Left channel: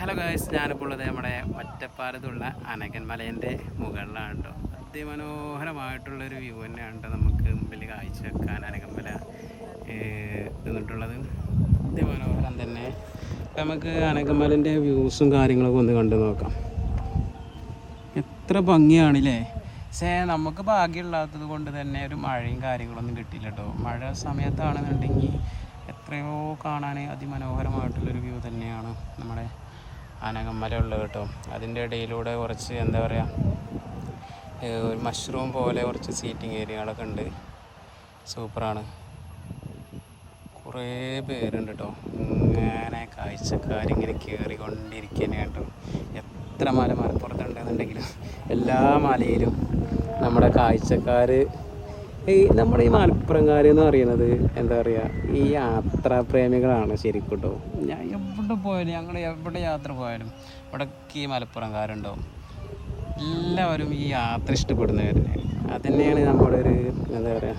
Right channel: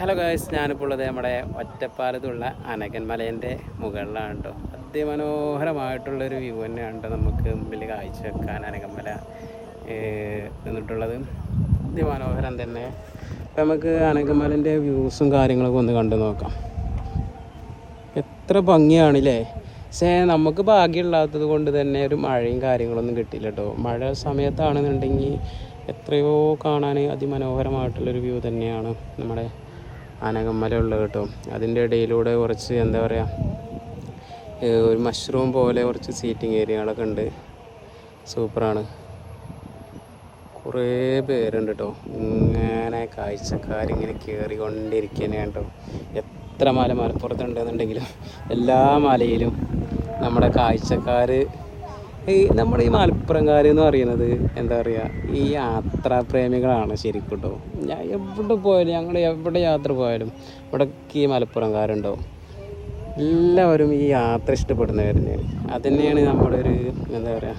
Hello guys, ഞാനിപ്പോൾ ഉള്ളത് നമ്മുടെ ഒറ്റപ്പാലത്തുള്ള അനകൻ മലേൻ്റെ മുകളിലാണ് കേട്ടോ. അതിമനോഹരമായിട്ടുള്ളൊരു വ്യൂ തന്നെയാണ് കേട്ടോ നമുക്ക് മുമ്പിൽ കാഴ്ച വെക്കാൻ അനകൻ മല എന്നിട്ടുള്ളത്. അതിമനോഹരം തന്നെ. നമുക്ക് അനകൻ മലേൻ്റെ വ്യൂസും കാര്യങ്ങളൊക്കെ ഒന്ന് കണ്ടു നോക്കാം. എത്ര ഭംഗിയാണല്ലേ. പക്ഷേ നമുക്ക് ഭാഗ്യമില്ലാത്തത് കൊണ്ട് തന്നെ ഒരു മഴയും കാര്യങ്ങളൊന്നും കിട്ടിയില്ല കേട്ടോ. മഴ സമയത്താണെന്നുണ്ടെങ്കിൽ എത്രയോ കാണാൻ അതിമനോഹരമായിട്ടുള്ളൊരു വ്യൂ തന്നെയാണ് നമ്മുടെ അനകമല ഉള്ളത് കേട്ടോ. അതിൻ്റെ ഇടയിലൂടെ കുറച്ച് എന്താ പറയുക, ഒരു മഷ്റൂം പോലെ കുറച്ച് സീറ്റിംഗ് ഏരിയകളൊക്കെ ഉണ്ട്. സൂപ്പറാണ്. കുറേ പേരുണ്ട് കേട്ടോ. ഇങ്ങനെ കാഴ്ചക്കാരിങ്ങനെ കയറിക്കൊണ്ടിരിക്കുകയാണ് കേട്ടോ. എത്ര മലപ്പുറത്തുണ്ടെന്നുണ്ടെങ്കിലും എല്ലാ മലയിലും നമ്മുടെ കാഴ്ചക്കാർ, നമ്മുടെ ഈ മലപ്പുറംകാർ എന്ന് പറയുന്നത് എന്താ പറയുക, ഈ യാത്രാപ്രേമികളാണ് ശരിക്കും കേട്ടോ. ഞാൻ എവിടെ പോയാലും, ഞങ്ങൾ എവിടെ യാത്ര പോയാലും ഇവിടെയൊക്കെ ഈ മലപ്പുറംകാരുണ്ടാവും. എല്ലാവരും ഈ യാത്ര ഇഷ്ടപ്പെടുന്നവർ തന്നെയാണ്. അത് തന്നെയാണ് നമ്മളൊരു എന്താ പറയുക,